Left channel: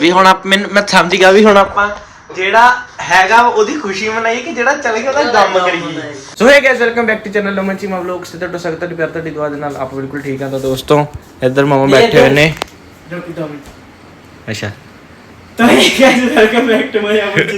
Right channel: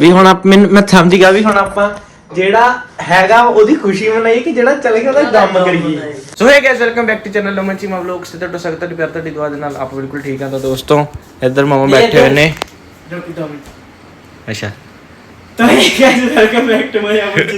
ਵੀ ਹੁਣ ਆਪ ਮੈਨੂੰ ਮੈਂ ਸਮਝ ਗਿਆ ਵੀ ਹੁਣ ਆਪਾਂ ਜਿਹੜਾ ਹੈਗਾ ਉਹਦੀ ਖੁਸ਼ੀ ਮਨਾਈਏ ਕਿ ਜਿਹੜਾ ਚਲੇ ਗਿਆ ਉਹਦਾ ਗਮ ਕਰੀਏ। So hey guys welcome back to channel Laman Cheema vlogs ਤੇ ਤੁਹਾਡਾ ਸਵਾਗਤ ਹੈ ਪਿਆਰ ਤੁਹਾਡੀ ਦੁਆ ਦੇ ਨਾਲ। ਆਪ ਬਿਲਕੁਲ ਠੀਕ ਆ ਤਾਂ ਦੋਸਤੋ ਇੱਧਰ ਮਾਮਾ ਬੈਠੇ ਹੋਏ ਨੇ। ਜੋ ਕਿ ਟੋਮੀ ਅੱਛਾ। ਤਾਂ ਇਹ guys welcome back to my Amar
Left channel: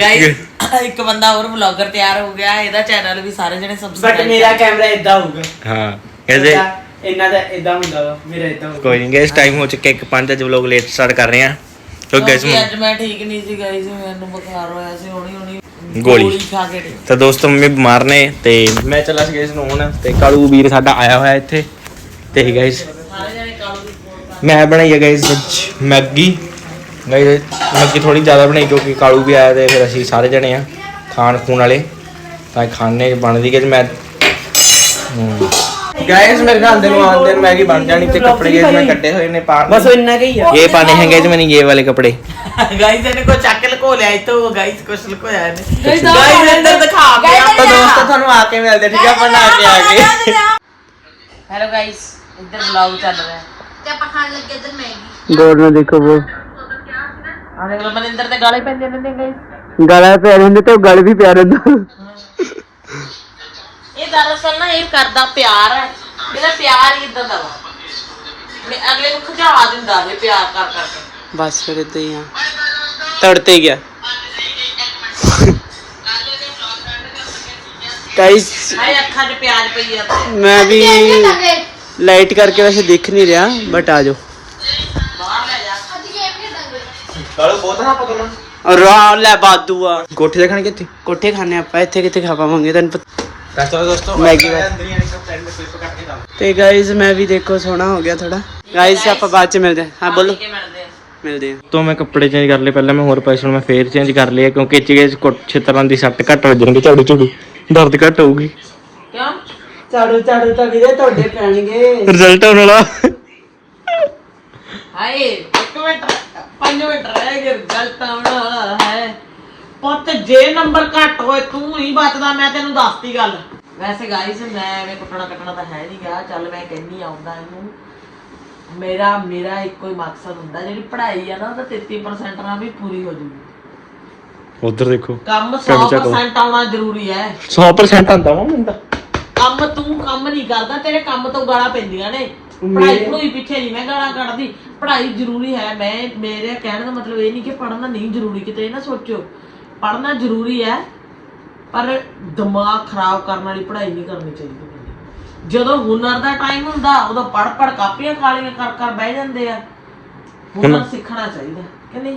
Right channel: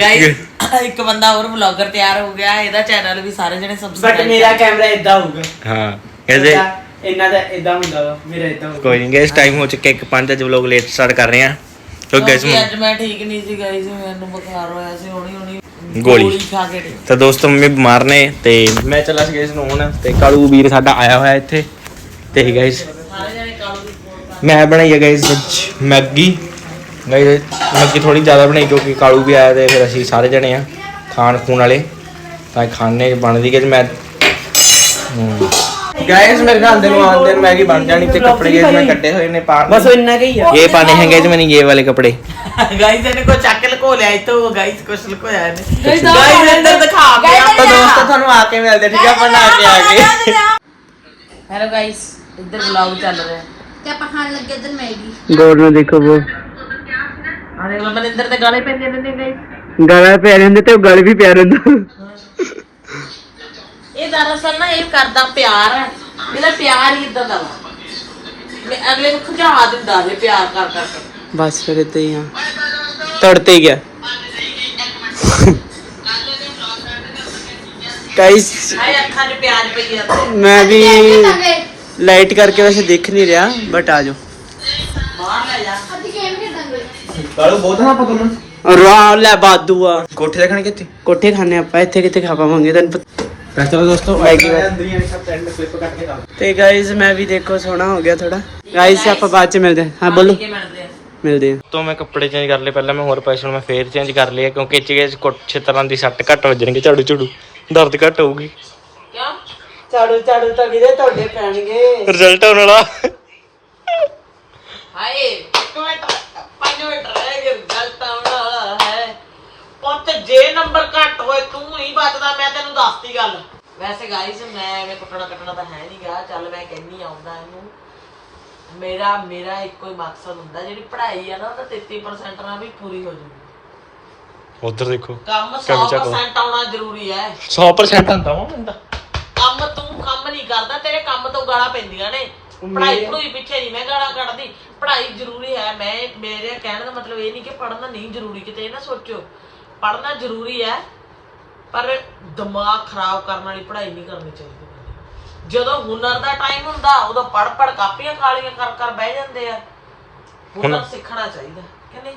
guys ਇੱਕ ਬੰਦਾ ਹੋਰ ਵਲੌਗਰ ਤਿਆਰ ਹੋ ਗਿਆ। ਇਹਦਾ ਚੈਨਲ ਵੀ ਸਾਰੇ ਜਣੇ ਬਟ ਸਬਸਕ੍ਰਾਈਬ ਮੇਰਾ ਕੈਮਰਾ ਇਦਾਂ ਹੋਊਗਾ। ਹਾਂ। ਕਹਿੰਦੇ ਇਹਨਾਂ ਦਾ ਇਦਾਂ ਹੁੰਦਾ ਵਾ ਮੇਰਾ ਇਦਾਂ ਹੋਊਗਾ ਕੋਈ ਨਹੀਂ ਗਾਇਸ ਟਾਈਮ ਹੋ ਚੁੱਕਿਆ ਇੱਕ ਪੰਜ ਅੱਜ ਵਲੌਗ ਲੇਟ ਸਟਾਰਟ ਕਰ ਰਹੇ ਆ ਕਿਉਂਕਿ ਗਾਇਸ ਅੱਜ ਮੈਂ ਠੀਕ ਨਹੀਂ ਸੀ ਗਾਇਸ ਮੈਨੂੰ ਬੁਖਾਰ ਹੋਇਆ ਸੀ ਹੁਣੀ ਹੁਣੀ ਗੋਲੀ। ਖਾ ਕੇ ਠੀਕ ਤਾਂ ਦੋਸਤੋ ਮੰਮੀ ਬਿਮਾਰ ਨੇ ਤੇ ਮੈਂ ਚੱਲਾ ਸੀ ਗਾਇਸ ਨੂੰ ਹੁਣ ਤੇ ਕਾਲੂ ਵੀਰ ਸਾਡਾ ਆਇਆ ਹੋਇਆ ਇੱਥੇ ਤੇ ਗਾਇਸ ਸਾਰੇ ਜਣੇ ਕਾਲੂ ਦੀ support ਕਰ ਮੈਂ ਬਣਾਈ ਹੈ ਗਾਇਸ ਅੱਜ ਮੈਗੀ। ਗਾਇਸ ਮੈਗੀ ਥੋੜੀ ਜ਼ਿਆਦਾ ਬਣਾਈ ਕਿਉਂਕਿ ਕਾਲੂ ਵੀ ਆਇਆ ਤੇ ਫਿਰ ਅਸੀਂ ਸਾਰੇ ਜਣੇ ਆ ਖਾਣ ਖੂਣ ਵਾਲੇ। ਤਾਂ ਖਾਣੇ ਬਣਦੀ ਕਿ ਮੈਂ ਗਾਇਸ ਮੇਰੇ ਨਾਲ ਦੇ ਨੂੰ ਆਉਂਦੇ ਨੇ ਮੈਗੀ ਬਣ ਜਾਣੀ ਤੇ ਕੱਪੜੇ ਗਾਇਸ ਮੈਂ ਕੱਢੇ ਹੋਏ ਨੇ ਪਾ ਬਸ ਇੰਨਾ ਕਹੀ ਆ। ਇਹ ਪਾਣੇ ਹੈਗੇ ਜੀ ਮੈਨੇ ਇਹ ਵਾਲੇ ਕੱਪੜੇ। ਗਾਇਸ ਇਹਨੇ ਕੋ ਚੱਕ ਲਕੋ ਲਿਆ ਇਤੋ ਗਾਇਸ ਕੁਛ ਲਕੋਇਆ ਇਹਨੇ। ਗਾਇਸ ਇੱਧਰ ਦਿਖਾ ਪਿਆ ਤਾਂ ਦੋਸਤੋ ਤੁਹਾਨੂੰ ਆ ਕੇ ਮਿਲਦੇ ਠੀਕ ਆ ਬਣਾ ਕੇ ਆ ਗਏ। ਹੈਲੋ ਗਾਇਸ ਇੱਧਰ ਵਲੌਗ ਚੱਲ ਰਿਹਾ। ਤੇ ਆਪਾਂ ਖਾਣ ਲੱਗੇ ਇੱਧਰ ਮੈਗੀ। ਗੌਰ ਨਾਲ ਦੇਖੋ ਉਹ ਆ ਦੇਖ ਲੋ ਮਨਿੰਦਰ ਤੇ ਗਾਲੇ ਪੈਂਦੇ ਨੇ ਨੇ ਗਾਲਾਂ ਪੈ ਰਹਿੰਦੇ ਤੇ ਉਹ ਗਲ ਵੀ ਪਿਆ ਰਹਿੰਦਾ। ਇਹ ਦਰਅਸਲ ਨਾ ਇਹ ਕਰਦਾ ਪਿਆਰ ਹੈ। ਇਹਦਾ ਪਿਆਰ ਹੀ ਇਦਾਂ ਦਾ ਵਾ। ਮੈਂ ਅਗਲੇ ਨੂੰ ਖੁਜਾ ਦਿੰਦਾ ਇਹ ਪਿਆਰ ਕਰ ਕਰਕੇ ਬਸ ਫਿਰ ਇਦਾਂ ਹੀ ਆ। ਤੜਤੇ ਗਿਆ। ਗਾਇਸ ਹਾਏ ਅੱਖਾਂ 'ਚ ਪਿਆਜ ਪਈ ਜਾਂਦਾ ਮੈਂ ਵੀ ਲਾਈਟ ਕਰਕੇ ਵੈਸੇ ਦੇਖ ਨਹੀਂ ਰਿਹਾ ਬਟ ਆ ਜਾਓ। ਬਾਹਰ ਲੈ ਜਾ। ਅਸੀਂ ਗੇਮ ਖੇਡਾਂਗੇ ਕਾਲੂ ਬਹੁਤ ਨਾ ਪਕੜਨਾ ਰਾ ਲੈ ਬਾਦੂ ਆ ਕੋਠੇ ਦੇਖਣ ਕਿੱਥੇ ਕੋਠੇ ਖਾਣੇ ਆਪਾਂ ਇੱਥੇ ਕਿੱਥੇ ਖਾ ਪਾਵਾਂਗੇ ਤੈਨੂੰ ਪਤਾ। ਤਾਂ ਚਲੋ ਦੋਸਤੋ ਮੈਗੀ ਵਾ- ਤੇ ਗਾਇਸ ਮੈਂ ਵੀ ਦੇਖੋ ਸੋਹਣਾ ਹੋ ਗਿਆ ਥੋੜਾ ਗਾਇਸ ਆਪਾਂ ਬਾਅਦ ਚ ਮਿਲਦੇ ਹਾਂ। ਹਾਂ ਬੋਲੋ। ਮਿਲਦੇ ਹਾਂ। ਤੋਂ ਮੈਂ ਕੱਪੜੇ ਚੇਂਜ ਕਰ ਲਏ ਪਹਿਲਾਂ ਮੈਂ ਹੋਰ ਪਾਏ ਸੀ ਹੁਣ ਮੈਂ ਫੇਰ ਚੇਂਜ ਕਰ ਲਿਆ ਕਿਉਂਕਿ ਚੀਜ਼ ਕੁਛ ਤਰ੍ਹਾਂ ਦੀ ਸੱਟ ਘੱਟ ਵੱਜਣਗੇ ਝਾੜੂ ਝਾੜੂ। ਦਰਦ ਘੱਟ ਹੋਊਗੀ। ਕਿਉਂ? ਝਾੜੂ ਝਾੜੂ ਤਾਂ ਵੀਰੇ ਤੁਹਾਡੇ ਪੈਣਗੇ। ਰਿਜ਼ਲਟ ਆਉਣ ਵਾਲਾ। ਹਾਏ ਇੱਕ ਮਿੰਟ ਪੰਜ ਮਿੰਟ ਰਹਿ ਗਏ ਰਿਜ਼ਲਟ ਆਉਣਾ ਹੈ। ਪੁੱਤ ਜੇ ਨੰਬਰ ਘੱਟ ਹੋਏ ਤੂੰ ਹੀ ਬਚਦਾ ਮੈਂ ਤੈਨੂੰ ਦੱਸਤੀ ਗੱਲ। ਵੈਸੇ ਗਾਈਸ ਮੈਂ ਐਵੇਂ ਕੁੱਟਣਾ ਕੱਟਣਾ ਤਾਂ ਹੈ ਨਹੀਂ ਗਾ ਚੱਲ ਮੈਂ ਕਹਿੰਦੀ ਆਉਂਦਾ ਇਹਨੂੰ। ਮੇਰਾ ਮੇਰਾ ਇੱਕੋ ਹੀ ਮਕਸਦ ਹੁੰਦਾ ਜਿਹੜੀ ਪੜ੍ਹਾਈ ਆ ਨਾ ਉਹ ਤਾਂ 33% ਨਾਲ ਵੀ ਪੂਰੀ ਹੋ ਜੂਗੀ। ਉਧਰ ਦੇਖੋ ਕੰਮ ਕੰਮ ਚੱਕੋ। 100% ਆਉਣਾ ਜ਼ਰੂਰੀ ਹੈ 100% ਆਂਦਾ ਵਾ ਮੈਨੂੰ ਤਾਂ। ਕੰਮ ਤੂੰ ਕੰਮ ਨਹੀਂ ਕਰਦਾ ਤੇਰੇ ਕੰਮ ਤੋਂ ਗਾਲਾਂ ਪੈਂਦੀਆਂ ਨੇ। ਪੜ੍ਹਾਈ ਪੜੂਈ ਪਿੱਛੇ ਨਹੀਂ ਮੈਂ ਗਾਲਾਂ ਕੱਢਦੀ। ਪੜ੍ਹਾਈ ਜ਼ਰੂਰੀ ਹੈ ਮੈਂ ਮੇਰੇ ਕਹਿਣ ਦਾ ਮਤਲਬ ਇਹ ਨਹੀਂ ਕਿ ਪੜ੍ਹਨਾ ਨਹੀਂ ਜ਼ਰੂਰੀ ਕਿਤੇ ਇਹ ਨਾ ਸੋਚੋ ਪੜ੍ਹਨਾ ਜ਼ਰੂਰੀ ਹੈ ਪਰ ਦਿਮਾਗ ਖਰਾਬ ਕਰਨ ਵਾਲੀ ਪੜ੍ਹਾਈ ਨਹੀਂ ਕਰਨੀ ਚਾਹੀਦੀ ਜਦੋਂ ਹੁਨਰ ਦਾ ਟਾਈਮ ਹੁੰਦਾ ਉਦੋਂ ਪੜ੍ਹ ਪੜ੍ਹ ਕਾਪੀਆਂ ਕਾਲੀਆਂ ਕਰ ਕਰ ਬਹਿ ਜਾਂਦੇ ਆ। ਹੁਨਰ ਸਿੱਖਣਾ ਚਾਹੀਦਾ ਕਿ ਨਹੀਂ?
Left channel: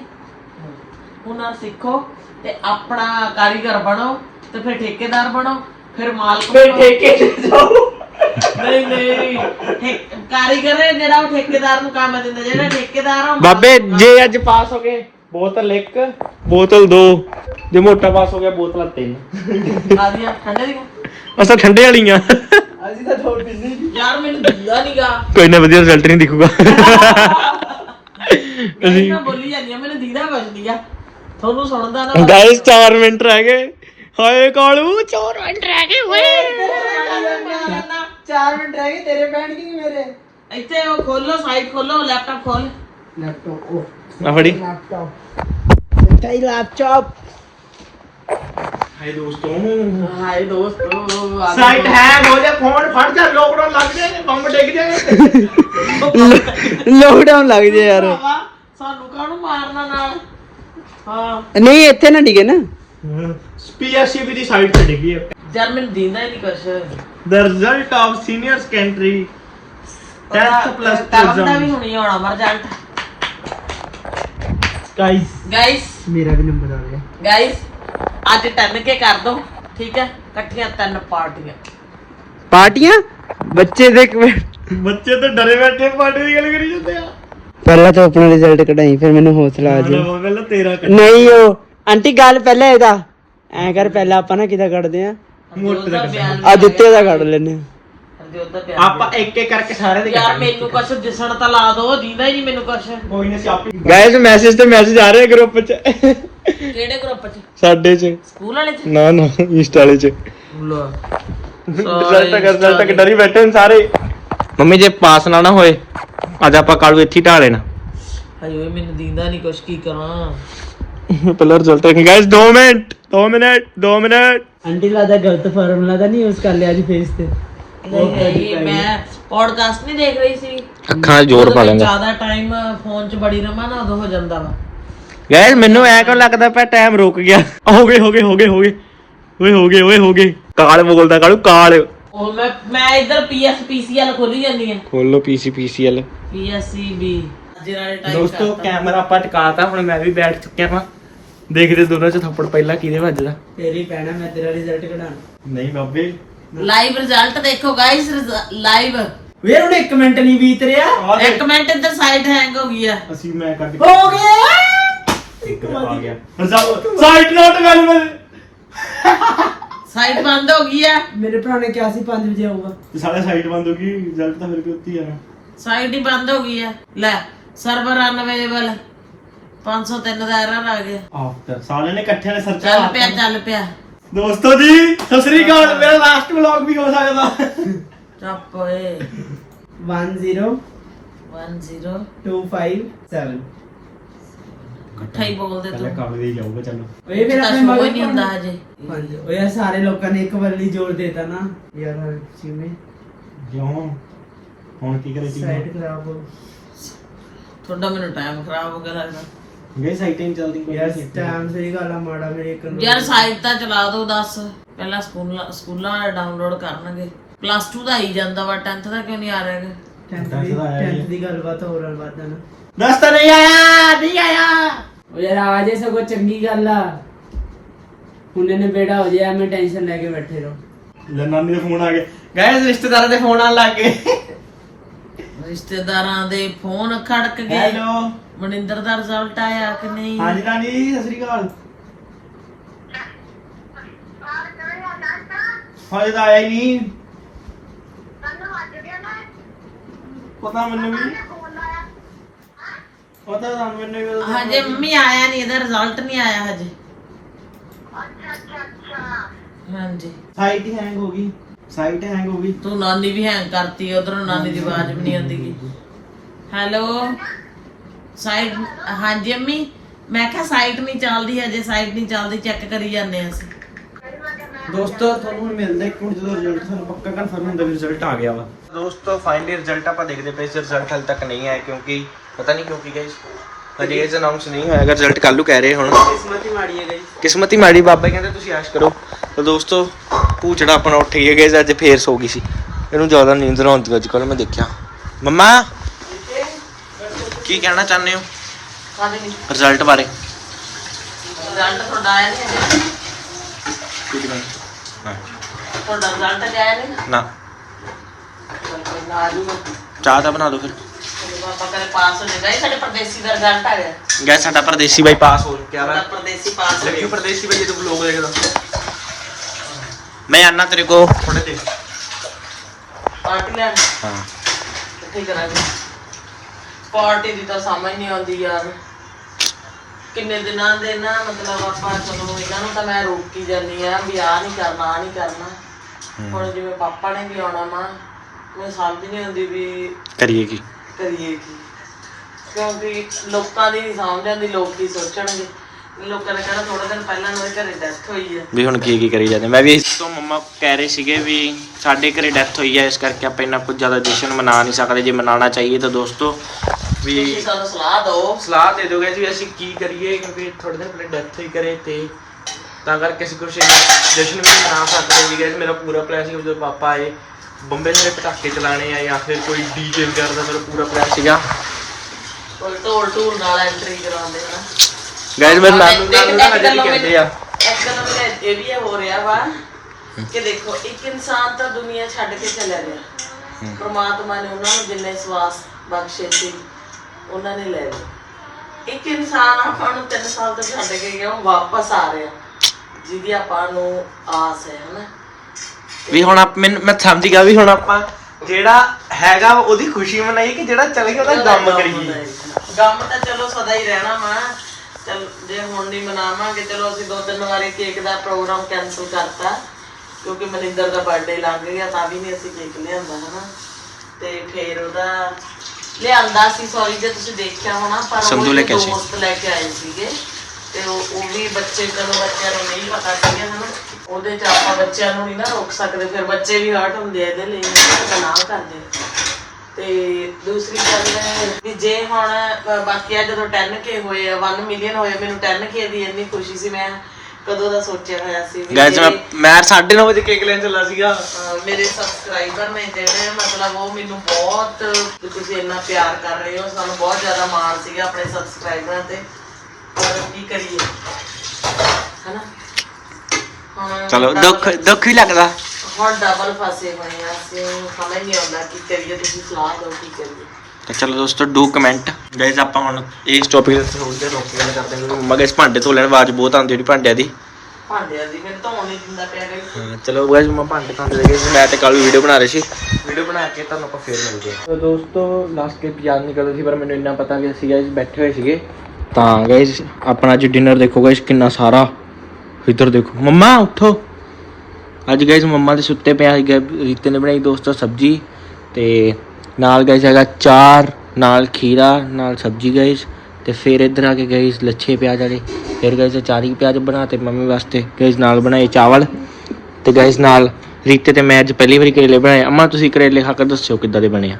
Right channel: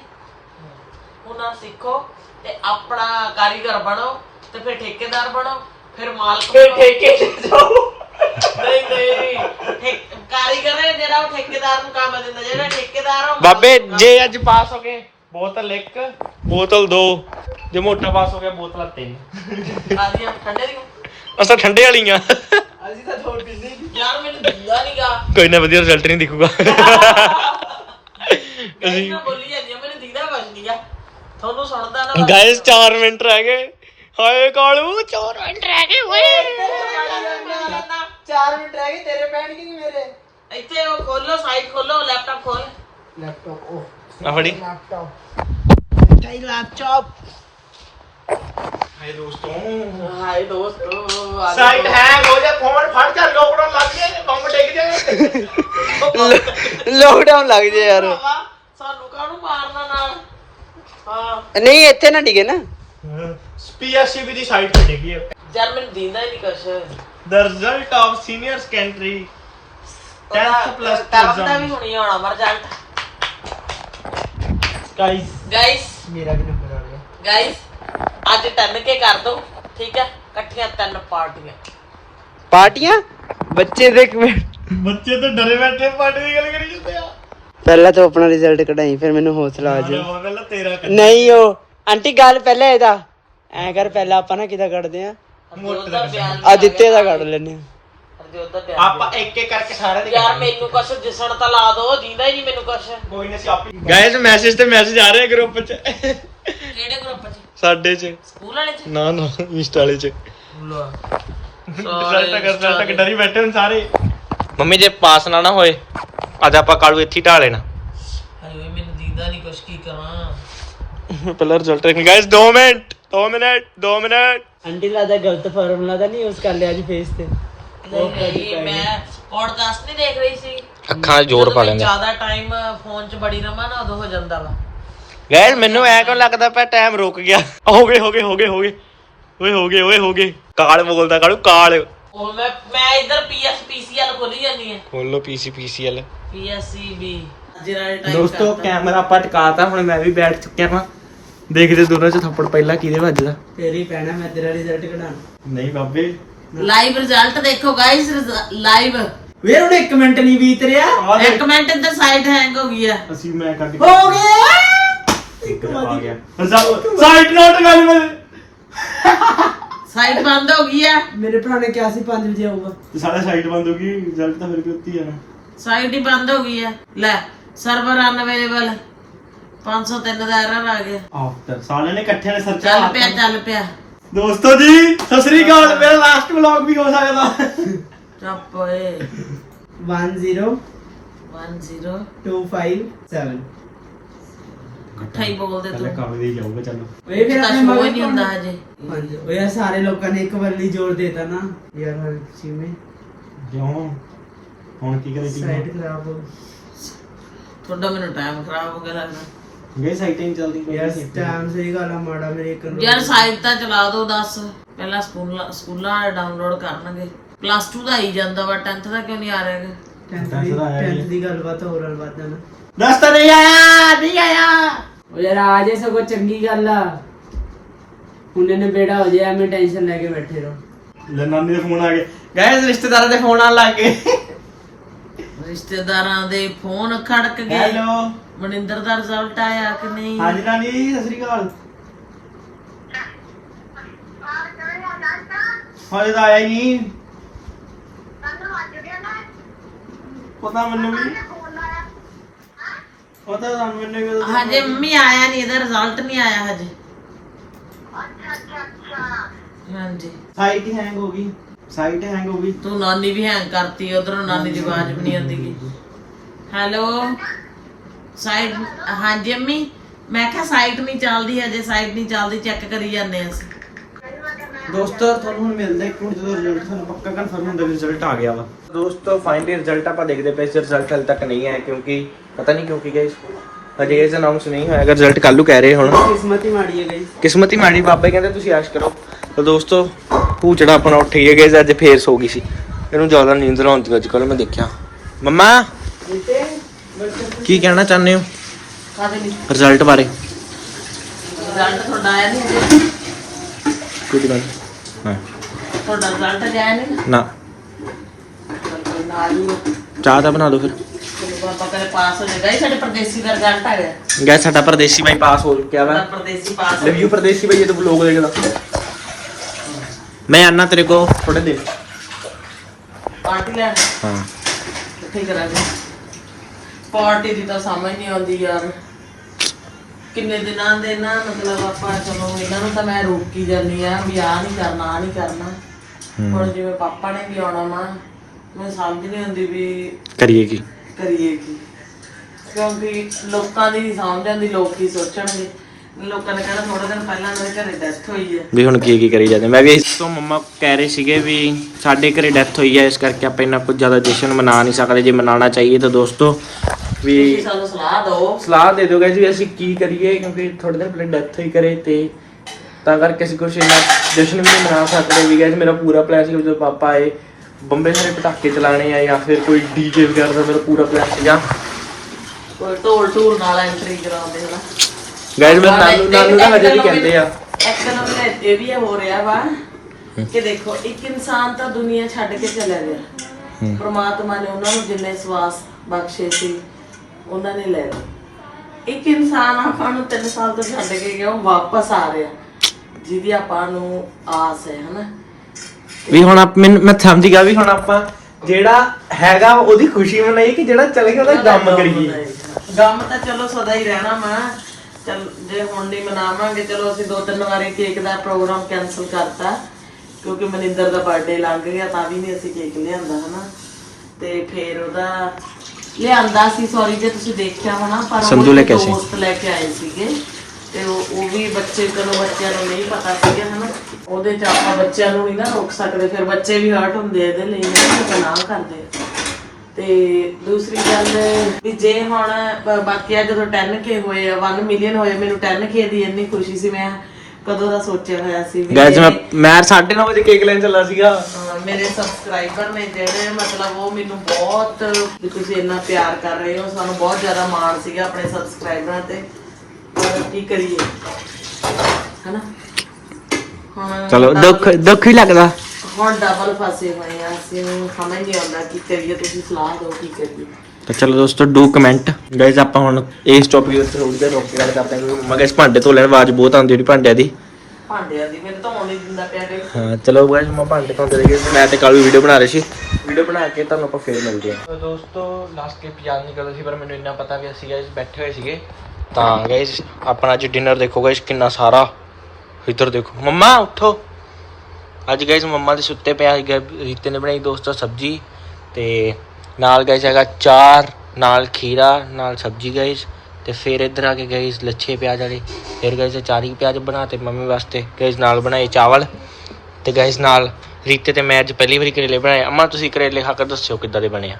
ਹੁਨਰ ਸਿੱਖੋ ਤੇ ਆਪਣਾ ਕਾਰੀਗਰ ਬਣੋ ਤੇ ਫਿਰ ਠੇਕੇਦਾਰ ਬਣੋ ਫਿਰ ਮਾਲਕ ਫਿਰ ਬਣੋ। ਠੇਕੇ ਤੇ ਜਾਓ। ਨਹੀਂ ਨਹੀਂ। ਕਾਰੀਗਰ ਜਿਹੜਾ ਉਹ ਠੇਕੇਦਾਰ ਨੂੰ ਕੰਮ ਦਿੰਦਾ ਜਿਹੜਾ ਠੇਕੇਦਾਰ ਆ ਬਾਬੇ ਜੇ ਅੱਜ ਪਾਸ ਹੋ ਗਏ ਬੋਤਲ ਇੱਕ। ਬੋਤਲ ਦੋ। ਜੇ ਮੋਟਾ ਪਾਸ ਹੋ ਗਿਆ ਬੋਤਲਾਂ ਤਿੰਨ। ਆਦੀਆਂ ਠੰਡੇ ਦੀਆਂ ਅਸਾਂ ਠੰਡੇ ਵਾਲੀਆਂ। ਅਸੀਂ ਤਾਂ ਥੋੜ ਪਿੰਦੇ ਯਾਰ ਮੈਨੂੰ ਦਿੰਦਾ ਨਹੀਂਗਾ ਕੋਈ ਨਾ ਵਧੀਆ ਰਿਜ਼ਲਟ ਨਹੀਂ ਦਿਖੂਗਾ। ਨਹੀਂ ਮੈਂ ਬੋਲੀ ਜਾਂਦੀ ਆ ਮੈਨੂੰ ਦੀਦਾ ਬਚਦੀ ਆ ਤੁਹਾਨੂੰ ਸੁਣਦਾ ਨਾ। ਗਾਇਸ 4 ਮਿੰਟ ਰਹਿ ਗਏ। ਹਾਏ ਕਾਲੂ 4 ਮਿੰਟ ਰਹਿ ਗਏ ਓਏ। 4 ਮਿੰਟ ਰਹਿ ਗਏ ਤੇਰੇ ਪੈਣਗੇ ਨਹੀਂ ਮੇਰੇ। ਇੱਥੇ ਉਹ ਖੋਲੋ ਸਾਈਟ ਖੋਲੋ ਲੈਪਟਾਪ ਖੋਲ। ਲੈਪਟਾਪ ਉਹ ਆ ਫੜੀ। ਲੈਪਟਾਪ ਟਾਈ ਲੈਪਟਾਪ ਹਾਏ ਦੋਸਤੋ ਹਾਏ ਦੋਸਤੋ ਸਾਈਟ ਹੈਂਗ ਹੋ ਜਾ ਫੋਨ ਫੜ ਜਾ ਲੋਕਡਾਊਨ ਲੱਗ ਗਿਆ ਨੇ ਬੰਬ ਡਿੱਗ ਜਾਏ ਲੋਕਡਾਊਨ ਲੱਗ ਜੇ ਯਾਰ। ਸਾਨੂੰ ਕਾਹਨੂੰ ਮਾਰਨਾ ਨਾਲ? ਹਾਂ। ਨਹੀਂ ਇੱਥੇ ਨਾ ਡਿਗੇ ਨਾ। ਪੀਐਸਸੀਬੀ ਦੀ ਸਾਈਟ ਤੇ ਡਿੱਗੀ ਹੈ। ਯਾਰ ਮੈਨੂੰ ਦਿੰਦਾ ਹੀ ਨਹੀਂ ਕੁਛ। The result of senior secondary 10th plus ਕੰਮ ਦਾ ਵੀ. ਹੁਣੀ ਆਉਣਾ ਰਿਜ਼ਲਟ Guys, ਗਾਇਸ ਮੇਰਾ ਵੀ ਨੰਬਰ ਆ ਗਿਆ। ਗਾਇਸ ਅੱਜ 10 ਕੇ ਕਰ ਦੋ ਠੀਕ ਹੈ? ਇਕੱਠੀਆਂ ਤਿੰਨ ਪਾਰਟੀਆਂ। ਪਾਰਟੀਆਂ? ਬੱਚੇ ਦੇਖ ਬੱਚੇ ਤਾਂ ਡਰੇ ਬੈਠੇ ਪਾਰਟੀ ਦੀ ਗੱਲ ਕਰੀ ਜਾਂਦੇ ਆ। ਪਹਿਲਾਂ ਤਾਂ ਆਪਣਾ ਰਿਜ਼ਲਟ ਕਢਾਈ ਫਿਰ ਮੈਨੂੰ ਹੌਸਲਾ ਆ ਜਾ ਨਾ ਪਹਿਲਾਂ ਤੇਰਾ ਕਰ ਨਹੀਂ ਉਹ ਆਂਟੀ ਗੱਲ ਪਹਿਲਾਂ ਇਹਦਾ। ਐ ਕਰ ਪਹਿਲਾਂ ਆਪਾਂ ਨਾ ਕਿਦਾਂ ਕੱਢਦੇ ਆ? ਮੋਟਰ ਦਾ ਬਿਆਨ ਆ। ਦਿੱਤੇ ਦਾ ਕੱਢ ਲੈਨੇ ਹਾਂਜੀ ਉਧਰ ਬਿਆਨ ਆਪਾਂ ਇੱਕ ਇੱਕ ਕਰਕੇ ਸਾਰੇ ਦੇ ਯਾਰ ਮੈਨੂੰ ਕੁਛ ਦਿਸਣ ਤਾਂ ਲਾ ਦੋ ਦੀਦਾ ਹੀ ਨਹੀਂ ਮੈਨੂੰ ਕੁਛ। ਕੋਈ ਨਹੀਂ ਸਿਆਪੀ ਗਾਇਸ ਮੈਸੇਜ ਤੇ ਮੈਸੇਜ ਆ ਰਹੇ ਗਰੁੱਪ ਚ। ਕਿਹੜੇ ਗਰੁੱਪ 'ਚ? ਸਾਡੇ ਚ। ਸਕੂਲ ਵਾਲੇ 'ਚ? ਨਾ ਨਾ ਇੰਸਟਾ ਵਾਲੇ ਚ। ਲੋ ਰਿਜ਼ਲਟ ਕਰ ਰਿਜ਼ਲਟ ਤੱਕ ਡਰੀ ਬੈਠੇ ਨੇ ਸਾਰੇ। ਮੰਮੀ ਜੇ ਪਾਸ ਨਾ ਨਾ ਹੋਏ ਅੱਜ ਆਪਾਂ ਕਾਲੂ ਇੱਥੇ ਹੀ ਢਾ ਲੈਣਾ। ਹਾਏ ਓਏ ਮੈਨੂੰ ਦੀਂਦਾ ਨਹੀਂ ਕੁਛ ਕੀ ਕਰਾਂ? ਪਹਿਲਾਂ ਰਿਜ਼ਲਟ ਆਏਗਾ guys 2 minute 2 minute 2 minute. Aunty ਲੱਗਦਾ ਗਲਤ ਫਾਰਮੂਲਾ ਤਾਂ ਨਹੀਂ ਯੂਜ਼ ਕਰ ਲਿਆ ਜੀ ਫੇਸ ਤੇ। ਨਹੀਂ ਨਹੀਂ ਮੈਂ ਪੋਡਕਾਸਟ ਨਹੀਂ ਦੇਖ ਰਹੀ ਸੀ। ਅੱਖਾਂ 'ਚ ਜ਼ੋਰ ਪਾ ਲਾਂਗਾ ਜ਼ਿਆਦਾ ਟਾਈਮ ਫੋਨ 'ਚ ਬੜੀ ਰਵਾਂ ਨਾ ਉਦੋਂ ਹੋ ਜਾਂਦਾ ਵਾ। ਗਾਇਸ ਮੈਨੂੰ ਐ ਕਿਉਂ ਲੱਗਦਾ ਪਿਆ ਟਾਈਮ ਰੁਕ ਗਿਆ। ਹੋ ਗਏ ਹੋ ਗਏ ਹੋ ਗਏ ਹੋ ਗਏ। ਓਏ ਹੋ ਗਏ ਓਏ ਹੋ ਗਏ। ਕਾਲ ਬੋਲਦਾ ਕਾਲੂ ਕਾਲ। ਉਹ ਮੈਂ ਮੈਂ ਇੱਧਰ ਪੀਐਸ ਪੀਸੀਐਲ ਖੋਲੀ ਜਾਂਦੀ ਹੈ ਖੋਲੋ ਪੀਸੀ ਪੀਸੀਐਲ ਪੀਐਸਸੀਬੀ ਜਿਹੜਾ ਦੋਸਤੋ ਕੈਮਰਾ ਆਪਾਂ ਟਿਕਾਤਾ ਹੁਣ ਮੈਂ ਵੀ ਬੈਠ ਚੁੱਕਿਆ ਵਾਂ। ਦੇਖਦੇ ਦੋਨੋਂ ਚ ਥੱਪੜ ਪਹਿਲਾਂ ਕਿਹਦੇ ਵੱਜਦਾ। ਤੇਰੀ ਪੈਣਾ ਮੈਂ ਤੇਰਾ ਰਿਜ਼ਲਟ ਕਢਾਣਾ ਨਹੀਂ ਬਾਬੇ। ਲਾਈਵ ਰਿਜ਼ਲਟ ਦੇਖੋ ਗਾਇਸ ਲਾਈਵ ਵੇ ਹੁਣ ਇੱਕ ਮਿੰਟ ਨਹੀਂ ਬੀਤ ਰਿਹਾ। ਇੱਕ ਮਿੰਟ ਇੱਧਰ ਸਾਈਡ ਹੈਂਗ ਹੋ ਗਈ ਆ। ਅਸੀਂ ਮੈਂ ਕੱਢ ਹੋ ਗਿਆ ਇੱਕ ਆ ਗਿਆ। ਸਾਈਡ ਨੋਟ ਗੱਲ ਮੈਂ ਸਾਈਡ ਬੰਦ ਹੋ ਗਈ ਆ। ਮੇਰੇ ਭਰਾ ਨੇ ਕਿਹਾ ਸੀ 5 ਵਜੇ ਆਊਗਾ। ਸਾਡਾ ਸਾਈਡ ਬੰਦ ਹੋ ਗਈ ਰਿਜ਼ਲਟ ਤਾਂ ਫਿਰ ਵੀ ਉੱਤੀ ਆਣਾ ਸਾਈਡ ਹੀ ਬੰਦ ਹੋ ਗਈ ਆ। ਲੈ ਸਰਵਰ ਅਨਵੇਲੇਬਲ 503 ਦਾ ਐਰਰ ਆ ਗਿਆ। ਆਫਟਰ ਸਾਲੇ ਨੇ ਇਕੱਠੇ ਨੇ ਸਰਚ ਚੱਲ ਪਿਆ ਚੱਲ ਪਿਆ। ਦੋਸਤੋ ਜੀ ਸਤਿ ਸ੍ਰੀ ਅਕਾਲ। ਮੇਰਾ ਲਾਸਟ ਵਲੌਗ ਵੀ ਹੋ ਸਕਦਾ। ਚੱਪ ਓਏ। 10257 10 ਇਕੱਠਾ ਹੀ ਬੋਲਦੇ ਪਹਿਲਾਂ ਤੂੰ। ਕੰਮ ਦੇ ਜਾਊਗਾ ਚਲੋ। ਓਏ ਫਿਰ ਤਾਂ ਆਪਣੇ ਸ਼ੋਅ ਮਗਰ ਹੀ ਨਹੀਂ ਹੁੰਦਾ ਹਜੇ। ਹਾਂਜੀ ਓਏ ਯਾਰ ਸਾਰੇ ਲੋਕਾਂ ਨੇ ਇੱਕ ਵਾਰ ਲਈ ਜ਼ੋਰ ਦੇਤਾ ਨਾ। ਯਾਰ ਹਰ ਚੀਜ਼ में ਕਿਉਂ? ਹੁਣ ਕੀ ਕਰੇ ਸਾਈਟ ਖਰਾਬ ਹੋ ਤੁਹਾਡਾ ਮੈਨੂੰ ਟਾਈਮ ਖਰਾਬ ਹੋ ਗਿਆ ਲੱਗਦਾ। ਗਈ ਸਾਈਟਿੰਗ ਚੱਲਦੀ ਯਾਰ ਟਾਈਮ ਸਹੀ ਗੱਲ ਆ ਮਾੜਾ ਮੇਰੇ ਇੱਕ ਨੂੰ ਯਾਰ ਸਾਈਟ ਤਾਂ ਚਲਾ ਦੋ ਦੱਸ। ਪਹਿਲਾਂ ਸਕੂਲਾਂ ਸਕੂਲਾਂ ਡਾਊਨਲੋਡ ਕਰਨਗੇ। ਪਲੱਸ 2 ਦਾ ਆਈ ਜਾਂਦਾ ਵਾ 10th ਦਾ ਕਿਉਂ ਨਹੀਂ ਆ ਰਿਹਾ ਗਾ? 10th ਦੀ 10th ਦੀ ਗੱਲਬਾਤ ਹੋਰ ਗੱਲਬਾਤ ਆ ਨਾ ਦਸ ਤਾਂ ਨਹੀਂ ਆਇਆ ਨਹੀਂ ਆਇਆ। ਓ ਯਾਰ ਆ ਜੇ ਸਗੋਂ ਚੰਗੀ ਗੱਲ ਆ। ਹੁਣ ਇਹਨੇ ਬੇੜਾ ਹੋ ਜਾਏ ਐਵੇਂ ਟੈਨਸ਼ਨ ਲੈ ਕੇ ਬੈਠੇ ਰਹੋ। ਲੈ ਨਾਨੀ ਦੇ ਫੋਨ ਆ ਗਏ। ਗਏ ਰਿਸ਼ਤੇਦਾਰਾਂ ਦੇ ਫੋਨ ਆਣ ਲੱਗ ਗਏ। ਰਿਸ਼ਤੇਦਾਰਾਂ ਦੇ ਫੋਨ ਖੜਕ ਗਏ। ਹੈਲੋ। ਮਨਿੰਦਰ ਦਾ ਰਿਜ਼ਲਟ ਆਇਆ ਕਿ ਨਹੀਂ? ਹਾਂਜੀ ਨਾਨੀ ਸਤਿ ਸ੍ਰੀ ਅਕਾਲ। ਹਾਲੇ ਤਾਂ ਆਇਆ ਹੀ ਨਹੀਂ। ਪਤਾ ਮੈਨੂੰ ਵੀ ਪਤਾ ਤਾਂ ਮੈਨੂੰ ਵੀ ਪਤਾ। ਹਜੇ ਮੰਮੀ ਆਇਆ ਨਹੀਂ ਇਹਦਾ ਰਿਜ਼ਲਟ ਨਹੀਂ ਆਇਆ ਹਜੇ। ਹਾਂਜੀ। ਸਾਈਟ ਹੀ ਹੈਂਗ ਹੋ ਗਈ। ਸਾਈਟ ਹੈਂਗ ਹੋ ਗਈ। ਤੂੰ ਨਾਨੀ ਵੀ ਹੈਂਗ ਕਰਤੀ ਉਧਰੋਂ ਨਾਨੀ ਦੀ ਆਵਾਜ਼ ਵੀ ਨਹੀਂ ਆਉਂਦੀ। ਹੈਲੋ ਸਾਈਡ ਹਾਂਜੀ ਅੰਮੀ। ਮੈਂ ਕਿਹਾ ਸਾਈਟ ਨਹੀਂ ਚੱਲਦੀ ਹਜੇ ਸਾਈਟ ਨਹੀਂ ਚੱਲਦੀ ਚੈੱਕ ਕਰੀ ਜਾਂਦੇ ਹਾਂ ਅਸੀਂ। ਦੋਸਤੋ ਤੁਹਾਨੂੰ ਹੁਣ ਮਿਲਦਾ ਇੱਕ ਮਿੰਟ ਜਦੋਂ ਰਿਜ਼ਲਟ ਤੁਹਾਨੂੰ ਪੱਕਾ ਕਨਫਰਮ ਹੁੰਦਾ ਰਿਜ਼ਲਟ ਆ ਗਿਆ ਵਾ। ਦੋਸਤੋ ਫਾਈਨਲੀ ਰਿਜ਼ਲਟ ਆਪਾਂ ਦੇਖਦੇ ਪਏ ਸੀ ਰਿਜ਼ਲਟ ਹਲ ਤੱਕ ਨਹੀਂ ਆਇਆ ਕਿਉਂਕਿ ਪਤਾ ਨਹੀਂ ਕਿਉਂਕਿ ਗਾਇਸ ਹਜੇ ਗਾਇਸ ਅਨਾਉਂਸ ਨਹੀਂ ਹੋਇਆ ਰਿਜ਼ਲਟ ਕੱਲ ਨੂੰ ਕਹਿ ਰਹੇ ਹੁਣ। ਕਿਸਮਤ ਹੀ ਮਾੜੀ ਹੈ ਗਈ। ਕਿਸਮਤ ਹੀ ਮਾੜੀ ਬਾਬਾ ਕਹਿੰਦੇ ਤੁਸੀਂ ਆਸ਼ ਕਰੋ। ਤਾਂ ਦੋਸਤੋ ਭੂਚੜਾ ਆਪਣਾ ਉੱਠ ਗਿਆ ਗਾਇਸ ਅੱਜ ਫੇਰ ਸੋ ਗਈ ਸੀ। ਇਹਨੂੰ ਜ਼ਿਆਦਾ ਨੀਂਦ ਨਾ ਆਉਂਦੀ ਅੱਜ ਕੱਲ ਮੈਂ ਦੇਖਿਆ। ਮੰਮਾ! ਕੀ ਕਹਿਣਾ ਚਾਹੁੰਦੇ ਹੋ? ਰਿਜ਼ਲਟ ਬਾਰੇ। ਰਿਜ਼ਲਟ ਤੁਹਾਡਾ ਆਇਆ ਨਹੀਂ ਟੂਟੀ ਬੰਦ ਹਾਂ। ਤੁਹਾਡਾ ਰਿਜ਼ਲਟ ਆਇਆ ਨਹੀਂ ਨਾ? ਨਾ। ਜੂ ਚਾਹ ਤਾਂ ਬਣਾ ਦਿਓ ਫਿਰ। ਪਾਪਾ ਕਰੇ ਪਾਸ ਹੋ ਜਾਏਗਾ ਇਹ ਸਾਡੇ ਪਰਦੇਸੀ ਦਾ ਰਿਜ਼ਲਟ ਆ ਗਿਆ। ਗਾਇਸ ਸਾਡਾ ਪਰਦੇਸੀ ਬਾਈ ਪਾਸ ਹੋ ਚੁੱਕਿਆ ਵਾ। ਪਰਦੇਸੀ ਪਾਸ ਲਵ ਯੂ ਪਰਦੇਸੀ ਬਾਈ ਇਹ ਤੂੰ ਲੋਕ ਦੇਖਦਾ। ਮੈਂ ਆਨਾ ਤੇਰੇ ਕੋ ਥੋੜੇ ਦੇ। ਪਾਰਟੀ ਲੈਣ। ਹਾਂ। ਕਿੱਥੇ ਕਰਾਂਗੇ? ਪਾਰਟੀ ਦੀ ਤਾਂ ਸਮਝ ਨਹੀਂ ਆਉਂਦੀ ਯਾਰ। ਕਿੰਨੇ ਦਿਨਾਂ ਦੇ ਨਾ ਮਤਲਬ ਆਪਾਂ ਚਲੋ ਇਹਨਾਂ ਨੂੰ ਤਾਂ ਮੈਂ ਰੋਕੀ ਜਾਂਦੀ ਆ ਵੀ ਆ ਨਹੀਂ ਕਰਨਾ ਆ ਨਹੀਂ ਕਰਨਾ। ਹੁਣ ਜਿਵੇਂ ਪਾਪਾ ਨੇ ਵੀ ਆਉਣਾ ਨਾ ਮੈਨੂੰ ਸਮਝ ਨਹੀਂ ਆਉਂਦੀ ਵੀ ਕਰੀਏ ਕੀ? ਕਰੀਏ ਕੀ। ਕਿਉਂਕਿ ਲੋਕਾਂ ਦੀ ਨਹੀਂ ਸਮਝ ਆਉਂਦੀ ਲੋਕ ਕੀ ਸੋਚਣਗੇ। ਲੋਕਾਂ ਨੇ ਕਹਿਣਾ ਥੋੜੇ ਦਿਨ ਪਹਿਲਾਂ ਉਹਨਾਂ ਦੇ ਘਰੇ ਡੈਥ ਹੋਈ ਹੈ ਵੀ ਹੁਣ ਕੀ ਕੀ ਕਰੀ ਜਾਂਦੇ। ਮੈਂ ਵੀ ਤੋਂ ਮੰਮਾ ਕਹਿ ਰਹੇ ਸੀਗੇ ਵੀ ਸਾਡੇ ਘਰੇ ਡੈਥ ਹੋਈ ਹੈ ਇਸ ਕਰਕੇ ਆਪਾਂ ਇੰਨਾ ਕੁਝ ਜ਼ਿਆਦਾ ਜਸ਼ਨ ਮਨਾ ਨਹੀਂ ਸਕਦੇ। ਜੇ ਮਨਾਉਣਾ ਚਾਹੀਏ ਤਾਂ ਦੋਸਤੋ ਵੀ ਤੁਸੀਂ ਸਾਨੂੰ ਸਲਾਹ ਦਿਓ। ਸਲਾਹ ਦੇ ਦਿਓ guys ਵੀ ਅਸੀਂ ਕੀ ਕਰੀਏ ਕਿਉਂਕਿ ਥੋੜੇ ਦਿਨ ਪਹਿਲਾਂ ਡੈਥ ਹੋਈ ਕਰੇ ਤੇ ਤਾਂ ਕਰਕੇ ਅਸੀਂ ਕੁਛ ਇੰਨਾ ਜਸ਼ਨ ਵੀ ਨਹੀਂ ਮਨਾ ਸਕਦੇ ਵੀ ਗਾਇਸ ਮੇਰਾ ਪੂਰਾ ਪਲਾਨ ਸੀ ਜਦੋਂ ਪਾਪਾ ਆਏ ਬੰਬੇ ਸਾਰੇ ਪਟਾਕੇ ਚਲਾਣੇ ਆ ਜਾਂ ਫਿਰ ਕੋਈ ਡੀਜੇ ਵਗੈਰਾ ਦਾ ਮੇਰਾ ਪੂਰਾ ਪਲਾਨ ਸੀਗਾ। ਕੋਈ ਢੋਲ ਢੂਲ ਨਾਲ ਐਂਟਰੀ ਕਰਾਉਂਦੇ ਨਾ ਗਾਇਸ ਮੇਰੇ ਨਾਨੂ ਨਾਨੂ ਨਾ ਹਜੇ ਵੀ ਕਹਿੰਦੇ ਆ। ਇੱਕ ਨੰਬਰ ਇੱਥੇ ਵੀ ਇਹ ਹੋ ਰਿਹਾ ਵਾ ਕਿ ਦੇਖੋ ਇੱਕ ਇਨਸਾਨ ਤਾਂ ਦੁਨੀਆ ਛੱਡ ਕੇ ਚਲਾ ਗਿਆ। ਪ੍ਰਮਾਤਮਾ ਨੇ ਉਹਨਾਂ ਨੂੰ ਜਿੰਨੇ ਸਵਾਸ ਬਖਸ਼ੇ ਸੀ ਉਹਨਾਂ ਨੇ ਲੈ ਲਏ। ਇੱਕ ਇਨਸਾਨ ਆਪਾਂ ਨੂੰ 3 ਸਾਲ ਤੋਂ ਛੱਡ ਕੇ ਗਿਆ ਉਹ ਵਾਪਸ ਆ ਰਿਹਾ। ਜਿਹਦੀ ਆਪਾਂ ਨੂੰ ਆਸ ਹੈ ਹਨਾ? ਵੀ ਹੁਣ ਆਪ ਮੈਨੂੰ ਮੈਂ ਸਮਝ ਗਿਆ ਵੀ ਹੁਣ ਆਪਾਂ ਜਿਹੜਾ ਹੈਗਾ ਉਹਦੀ ਖੁਸ਼ੀ ਮਨਾਈਏ ਕਿ ਜਿਹੜਾ ਚਲੇ ਗਿਆ ਉਹਦਾ ਗਮ ਕਰੀਏ। ਗਮ ਤਾਂ ਚਲੋ ਸਦਾ ਹੀ ਰਹਿਣਾ ਵਾ। ਚਲ ਜੇ ਹੁਣ ਨਹੀਂ ਮਨਾਵਾਂਗੇ ਚਲੋ ਅਸੀਂ ਦੋ ਤਿੰਨ ਵਾਰੀ ਕੇਕ ਦਾ ਪ੍ਰੋਗਰਾਮ ਕੈਨਸਲ ਕਰਤਾ। ਕਿਉਂਕਿ ਮਨਿੰਦਰ ਦਾ ਬਰਥਡੇ ਲੱਗ ਗਿਆ ਤਾਂ ਵੀ ਨਹੀਂ ਅਸੀਂ ਕੇਕ ਲਿਆਂਦਾ ਹਨਾ? ਤੇ ਫਿਰ ਉਹਦਾ ਲਿਆਂਦਾ ਸੀ ਸੌਰੀ ਜੇ ਤੁਸੀਂ ਦੇਖਿਆ ਹੋਣਾ ਪਰ ਸੰਧੂ ਲੈ ਕੇ ਆਏ ਸੀ। ਦੋਸਤ ਲੈ ਕੇ ਆਏ ਸੀਗੇ। ਤੇ ਉਹ ਵੀ ਬੱਚੇ ਕੋਲ ਬੱਚਿਆਂ ਨੂੰ ਨਹੀਂ ਪਤਾ ਸੀਗਾ ਹਨਾ? ਉਹਦੇ ਚ ਆਪਾਂ ਬੱਚਿਆਂ ਨੂੰ ਨਹੀਂ ਨਾ ਰੋਕ ਸਕਦੇ ਫਿਰ ਬੱਚੇ ਵੀ ਹਰਟ ਹੁੰਦੇ ਆ ਇਹਦੇ ਲਈ ਨਾ ਨਾ ਕਰਦੇ। ਤੇ ਦੂਸਰੀ ਗੱਲ ਵੀ ਜੇ ਹੁਣ ਬ- ਬਾਕੀ ਆ ਜਦੋਂ 10k ਹੋਏ 1 ਮਿਲੀਅਨ ਹੋਏ ਮੈਨੂੰ 10k ਦੀ ਇੰਨੀ ਖੁਸ਼ੀ ਸੀ ਮੈਂ ਕਦੋਂ ਦਾ ਸੋਚਿਆ ਹੋਇਆ ਸੀ ਵੀ ਗਾਇਜ਼ ਮੈਂ ਮੈਂ 9:30 ਵਜੇ ਕੇਕ ਲੈਣ ਚੱਲਾ ਸੀਗਾ। ਹਾਂ, ਮੇਰੇ ਸਬਸਕ੍ਰਾਈਬਰ ਨੇ ਜਿਹੜੇ ਮਤਲਬ ਉਹ ਮੈਨੂੰ ਬਹੁਤ ਵੀ ਤੁਸੀਂ ਇੰਨਾ ਪਿਆਰ ਕਰ ਰਹੇ ਹੋ ਸਾਨੂੰ ਬਹੁਤ ਜ਼ਿਆਦਾ ਮਾਣ ਸੀਗਾ ਆਪਣੇ ਸਬਸਕ੍ਰਾਈਬਰਾਂ ਤੇ। ਪਰ ਕੀ ਕਰੀਏ? ਹਨਾ? ਹੁਣ ਚਲੋ ਦੁੱਖ ਦੁੱਖ ਵੀ ਲੱਗਦਾ। ਹੁਣ ਡਬਲ ਫਸੇ ਹੋਏ ਆ ਅਸੀਂ ਨੂੰ ਸਮਝ ਨਹੀਂ ਆਉਂਦਾ ਕੀ ਕਰੀਏ ਤੁਸੀਂ ਸਲਾਹ ਦਿਓ ਕੀ ਕਰੀਏ। ਤਾਂ ਚਲੋ ਦੋਸਤੋ ਡੂ ਕਮੈਂਟ ਗਾਇਜ਼ ਆਪਾਂ ਹੁਣ ਇਸ ਟੌਪਿਕ ਤੇ ਥੋੜੀ ਦੇਰ ਰੁਕ ਕੇ ਗੱਲ ਕਰਦੇ ਹਾਂ ਕਿਉਂਕਿ ਗਾਇਜ਼ ਭਾਂਡੇ ਧੋ ਲੈਣ ਆਵਾਜ਼ ਬਹੁਤ ਆਉਂਦੀ ਜਿਹੜੀ ਭਾਂਡਿਆਂ ਦੀ। ਭਾਂਡਿਆਂ ਦੀ ਮੈਨੂੰ ਤਾਂ ਨਹੀਂ ਦਿੰਦਾ ਪਿਆ ਗਈ ਹਾਂ ਚਲੋ ਗਾਇਜ਼ ਮੈਂ ਭਾਂਡੇ ਧੋਂਦੇ ਰਹੇ ਮੈਂ ਤੇ ਕਾਲੂ ਵੀਡੀਓ ਬਣਾ ਰਹੇ ਸੀ। ਵੀਡੀਓ ਬਣਾ ਕੇ ਤੁਹਾਨੂੰ ਆਪਾਂ ਫੇਰ ਮਿਲਦੇ ਹਾਂ। ਤਾਂ ਦੋਸਤੋ ਲਾਸਟ ਕੇ ਪਿਆਜ਼ ਨਿਕਲਦਾ ਸੀ ਪਰ ਮੈਨੂੰ ਇੰਨਾ ਪਤਾ ਵੀ ਅਸੀਂ ਗਾਇਜ਼ ਬੈਠੇ ਹੋਏ ਸੀਗੇ। ਤਾਂ ਗਾਇਜ਼ ਆਪਣਾ ਅੱਜ ਡਿਨਰ ਦੇਖੋ ਗਾਇਜ਼ ਕਿੰਨਾ ਸਾਰਾ। ਇੱਧਰ ਦੇਖੋ ਮੰਮਾ ਉੱਠੋ। ਅੱਜ ਗਾਇਜ਼ ਮੰਮਾ ਦੇ ਸੁੱਤੇ ਪਿਆ ਰੀਤੇ ਨੇ ਬਣਾਈ ਦੋਸਤੋ ਸਬਜੀ ਤੇ ਨਾਲ ਗਾਇਜ਼ ਹੈਗਾ ਚਾਰ ਨਾਲ ਖੀਰਾ ਨਾਲ ਸਬਜੀ ਗਾਇਜ਼ ਤੇ ਫਿਰ ਇੱਧਰ ਆ ਕੇ ਗਾਇਜ਼ ਲੱਛੇ ਪਿਆਜ਼ ਵਾਲੇ ਫਿਰ ਗਾਇਜ਼ ਚਾਰੀ ਪਿਆਜ਼ ਬਣਾਤੇ ਮੰਮੀ ਵਾਸਤੇ ਗਾਇਜ਼ ਨਾਲ ਬਣਾਏ ਚਾਵਲ ਤੇ ਗਾਇਜ਼ ਨਾਲ ਰੀਤੇ ਤੇ ਮੈਂ ਅੱਜ ਪਹਿਲੀ ਵਾਰੀ ਕਰੇਲੇ ਬਣਾਏ। ਅਮਾ ਤੁਸੀਂ ਕਰੇਲੇ ਖਾ ਕੇ ਦੱਸਿਓ ਕਿੱਦਾਂ ਦੇ ਬਣੇ ਆ।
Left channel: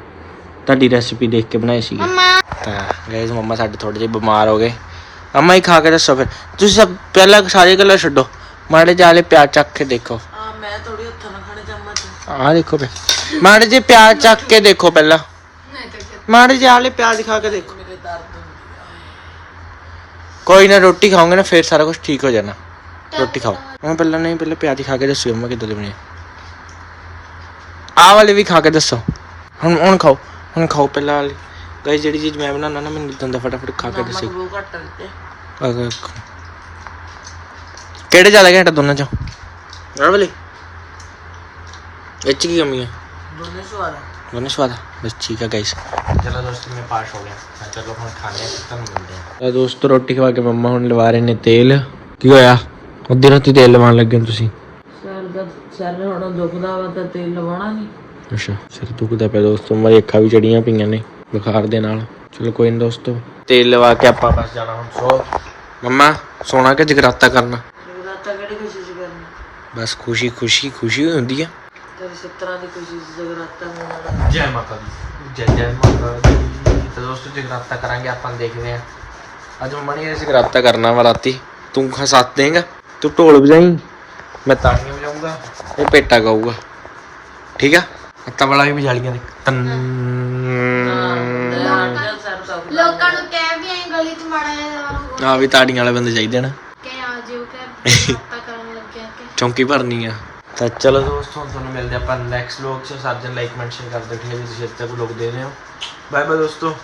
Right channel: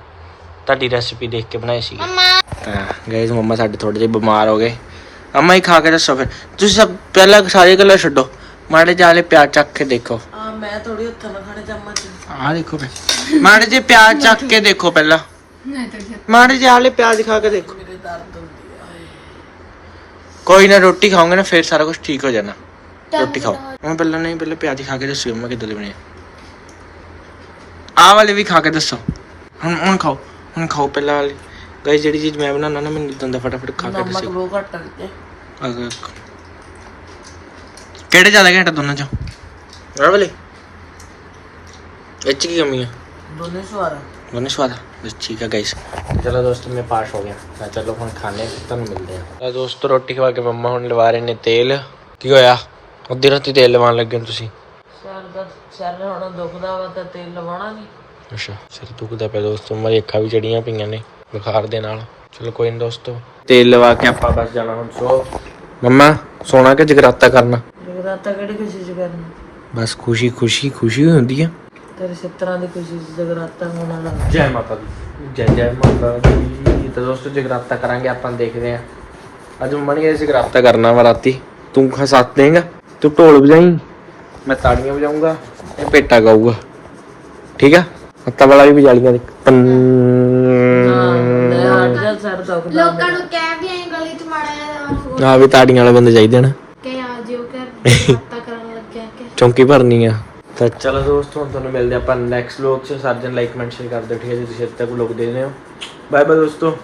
ਤੁਹਾਡੀ ਰੈਸਿਪੀ ਦੇਖ ਕੇ ਬਣਾਏ ਸੀ ਤਾਂ ਗਾਇਜ਼ ਮੰਮਾ ਸਾਡੇ ਥੋੜੇ ਜਿਹੇ ਬਿਮਾਰ ਹੋ ਗਏ। ਅਮਾ ਹੀ ਖਾ ਕੇ ਦੱਸੋ ਫਿਰ। ਤੁਸੀਂ ਸਭ ਪਹਿਲਾਂ ਸਾਰੇ ਗੱਲਾਂ ਛੱਡੋ। ਮਾੜੇ ਜਾਲੇ ਪਿਆਜ਼ ਚੱਕ ਕੇ ਦੇਖੋ। ਮੈਂ ਥੋੜੀ ਹੱਥਾਂ ਨਾਲ ਖੜੇ ਚਮਚ ਆ ਦੇਖੋ ਤੇ ਮਾੜੇ ਜੀ ਪਿਆਜ਼ ਚੱਕ ਕੇ ਦੇਖੋ ਪਹਿਲਾਂ। ਮਾੜੇ ਜਿਹੇ ਆਲੇ ਪਿਆਜ਼ ਖਾ ਕੇ ਦੇਖੋ। ਮੇਰੇ ਦਰਦ ਹੁੰਦੀ ਕੋਈ ਨਾ ਰੋਟੀ ਖਾਓਗੇ ਨਾ ਫਿਰ ਸਾਰਾ ਕੁਝ ਠੀਕ ਹੋ ਜਾਣਾ। ਰੋਟੀ ਖਾਓ। ਹੁਣ ਪਹਿਲਾਂ ਨਹੀਂ ਪਹਿਲਾਂ ਪਿਆਜ਼ ਖਾ ਕੇ ਦੱਸਿਓ ਮੈਂ ਕਿੱਦਾਂ ਦੇ ਬਣੇ ਆਹ ਵਾਲੇ ਵੀ ਖਾ ਕੇ ਦੱਸੋ। ਹੁਣ ਹੁਣ ਖਾਓ ਹੁਣ ਖਾਓ ਪਹਿਲਾਂ ਵਾਲੇ। ਗਾਇਸ ਜਿਹੜੀ ਚੀਜ਼ ਮੈਂ ਬਣਾਉਣਾ ਨਾ ਮੈਨੂੰ ਇਦਾਂ ਦਾ ਫਟਾਫਟ ਖਾ ਕੇ ਨਮਕ ਬਹੁਤ ਘੱਟ ਆ ਦੇਖੋ। ਕਿਹੜੇ ਜ਼ਿਆਦਾ ਘੰਟਾ ਦੋਨਾਂ ਚੋਂ? ਆਹ ਵਾਲੇ। ਇਹ 'ਚ ਕੀ ਕਮੀ ਹੈ ਸਵਾਦ ਆ। ਦੋਨੇ ਸਵਾਦ ਬਸ ਠੀਕ ਗਾਇਸ ਚਲੋ ਦੋਸਤੋ ਮੈਂ ਪਾਸ ਹੋ ਗਿਆ। ਮੈਂ ਚਲੋ ਹੁਣ ਖਾਣੇ ਤੁਹਾਨੂੰ ਮਿਲਦੇ ਆ। ਇਹ ਦੋਸਤੋ ਰੋਟੀ ਖਵਾ ਕੇ ਮੰਮਾ ਹੁਣ ਲਵਾ ਰਹੇ ਨੇ ਤੇਲ। ਕੀ ਹੋਇਆ? ਉਧਰ ਹੱਥੀ ਤੇਲ ਲਵਾਉਣ ਲੱਗੇ ਹੋ ਤੁਸੀਂ? ਸਿਰ ਦਾ ਸਿਰ ਹੁਣ ਦੁਖਦਾ ਵਾ ਤਾਂ ਤੇਲ ਲਵਾਉਣਾ ਨਹੀਂ ਅੱਛਾ ਸਿਰ ਦੁਖਦਾ ਪਿਆ ਦੋਸਤੋ ਮੇਰੇ ਅੱਖਾਂ ਵੀ ਚੜੀਆਂ ਪਈਆਂ ਨੇ ਬੁਖਾਰ ਦੇ ਨਾਲ। ਚਲੋ ਕੋਈ ਨਹੀਂ ਦੋਸਤੋ। ਤੇਲ ਲਵਾ ਕੇ ਆਪਾਂ ਬਸ ਜਾਣਾ ਹੁਣ ਸੋ। ਮੰਮਾ ਸੋਣਾ ਕਿ ਜਗਰਾਤਾ ਕਰਨਾ? ਜਗਰਾਤਾ ਕਿਹੜੀ ਖੁਸ਼ੀ ਚ ਕਰਨੀ? ਬਸ ਖੁਸ਼ੀ ਖੁਸ਼ੀ ਖੁਸ਼ੀ ਹੋਈ ਹੁੰਦੀ ਆ। ਤੇਰੇ ਸਿੱਤਰਾਂ ਦੀ ਖੁਸ਼ੀ ਚ ਜਗਰਾਤਾ ਹੋਣਾ। ਜੈ ਮਾਤਾ ਦੀ। ਜੈ ਜੈ ਮਾਤਾ ਦੀ। ਤਾਂ ਦੋਸਤੋ ਜਗਰਾਤਾ ਕਰਾਂਗੇ ਆਪਾਂ ਦੇਖਦੇ ਆ ਅੱਜ ਮੰਮਾ ਨੇ ਜਗਰਾਤਾ ਕਰਨਾ ਵਾ ਰਾਤੀ। ਤੂੰ ਹਸਾਤ ਦੇਂਗਾ। ਤੂੰ ਢੋਲ ਵਜਾਈ ਮੈਂ ਤਾੜੀਆਂ ਵਜਾਊਂਗਾ ਇਹ ਪੇਟਾ ਗਾਊਗਾ। ਠੀਕ ਆ? ਹੱਤਾ ਵਾਲਾ ਵੀ ਵਜਾਲੀਆਂ ਦੇ। ਲੋਕਾਂ ਨੂੰ ਕਹਿ ਵੀ ਆਈ ਗਲੀ ਚ ਮਾੜਾ ਜਿਹਾ ਨੂੰ ਆ ਵੀ ਤਾੜੀਆਂ ਵਾਲੇ ਬੰਦੇ ਚਾਹੀਦੇ ਨੇ। ਕਹਿ ਆ ਜਿਓ ਕਹਿ ਪਤਾ ਕਰਨ ਲੱਗਿਆ ਕਿ ਚੌਂਕੀ ਭਰਨੀ ਆ। ਤਾਂ ਚਲੋ ਦੋਸਤੋ, ਹੁਣ ਤੁਹਾਨੂੰ ਮਿਲਦੇ ਆਪਾਂ ਨੈਕਸਟ ਵਲੌਗ 'ਚ। ਸਰਜਨ ਲਾਈਕ ਕਮੈਂਟ ਕਰ ਦਿਓ, ਠੀਕ ਹੈ ਜੀ। ਤੁਸੀਂ ਇੱਥੇ ਤੱਕ ਲੋਕ ਦੇ ਰਹੇ ਹੋ। ਬਾਏ ਬਾਏ ਦੋਸਤੋ।